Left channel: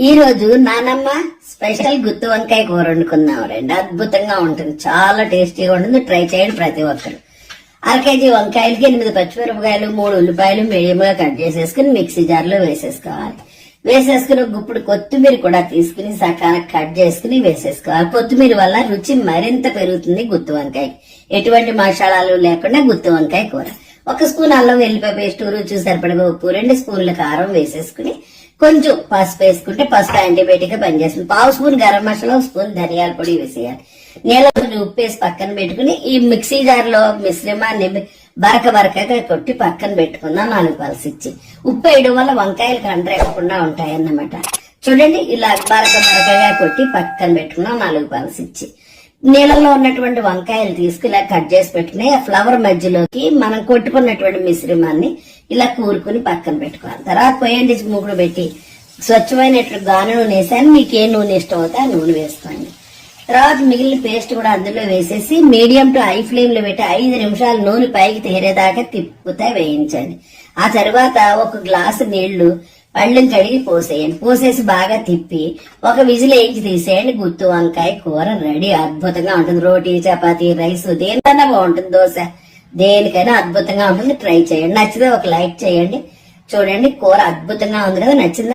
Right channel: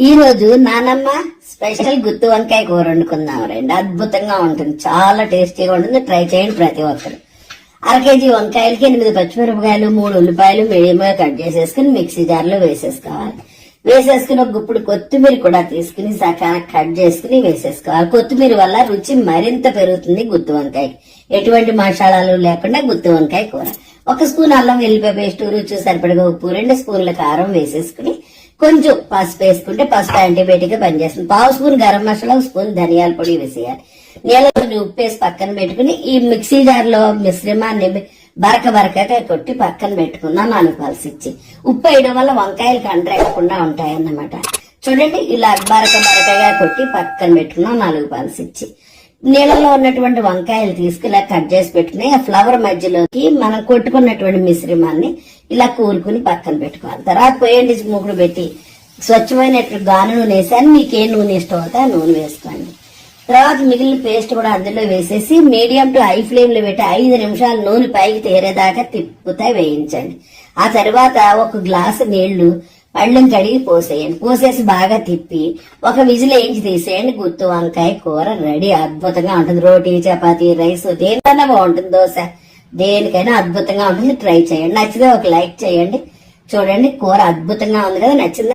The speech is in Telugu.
ఈ రోజు నానమ్మ స్పెషల్ గుత్తి వంకాయ కూర వండుకుందాం రండి. అద్భుతంగా ఉంటుంది. చాలా టేస్టీగా ఉంటుంది. ట్రై చేయండి ప్రతి ఒక్కరు. అర కేజీ వంకాయలకి ఎనిమిది పచ్చిమిరపకాయలు మూడు ఉల్లిపాయలు మీడియంగా కట్ చేసేసుకుని మిక్సీ జార్లో వేసేసుకోవాలి. వేసేసుకుని ఒక గుప్పుడు కొత్తిమీర కూడా తీసుకుని సకాలం కట్ చేసుకుని వేసేసుకోవాలి. కొత్తిమీర వల్ల రుచి మరింత పెరుగుతుంది గుత్తి వంకాయకి. ఎటువంటి మసాలాలు లేకుండా గుత్తి వంకాయ కూర. ఒక స్పూన్ అల్లం వెల్లిపాయ పేస్ట్ రుచి సరిపడగా ఉప్పు రెండు స్పూన్ల కారం వేసేసుకుని కొంచెం పసుపు వేసుకుంటే పసుపు యాంటీబయాటిక్గా పనిచేస్తుంది. పావు స్పూన్ గరం మసాలా స్పూన్ ధనియాల పొడి వేసేయాలి. నీళ్ళ కొంచెం ఉప్పు వేసి పక్కన పెట్టుకుని ఈ మిక్సీ జార్లో మిశ్రమాన్ని బరక బరకగా కొట్టి పక్కన పెట్టుకుందాం నాలుగు ఇచ్చి. ఉప్పు వేయడం వల్ల వంకాయలు కండ్రెక్కకుండా ఉంటాయి అన్నమాట చూడండి ఇలా బరక బరకగా కొట్టి పక్కన పెట్టుకున్నాం నాలుగు పల్స్ ఇచ్చి. నీళ్ళలో ఉన్నటువంటి వంకాయలు తీసుకుని ఇలా కట్ చేసి పెట్టుకుని ఆ ఫ్లవర్ మధ్యలోకి మనం కొట్టుకున్నటువంటి మిశ్రమాన్ని ఇలా కూరుకుని పక్కన పెట్టుకోవాలి. తర్వాత పోయండి మూగుడు పెట్టి స్వచ్ఛమైనటువంటి గాను నూనె వేసాను. మీకు ఏ నూనె ఇష్టం అవుతే ఆ నూనె వేసుకోండి. తర్వాత మిగిలిన పేస్ట్ కూడా అందులో వేసేసి మీడియం టు హై ఫ్లేమ్లో పెట్టి ఐదు నిమిషాలు నూనె పైకి తేరేదాకా తిప్పుతా వేయించండి. ఆ తర్వాత ఒక గ్లాసు నీళ్ళు పళ్ళెం కడిగి పోసేయండి పోసేసి బాగా తిప్పి ఒక విజిల్ వేయించి తీసేయండి. గుత్తు వంకాయ కూర రెడీ. అద్భుతంగా ఉంటుంది. రోటీ చపాతీ రైస్ దేనికన్నా బాగుంటుంది దోశ. దేనికైనా అద్భుతంగా ఉంటుంది. ట్రై చేయండి. నచ్చితే ఒక లైక్ చేయండి. చూడండి కూర అద్భుతంగా ఉంది కదా నచ్చింది?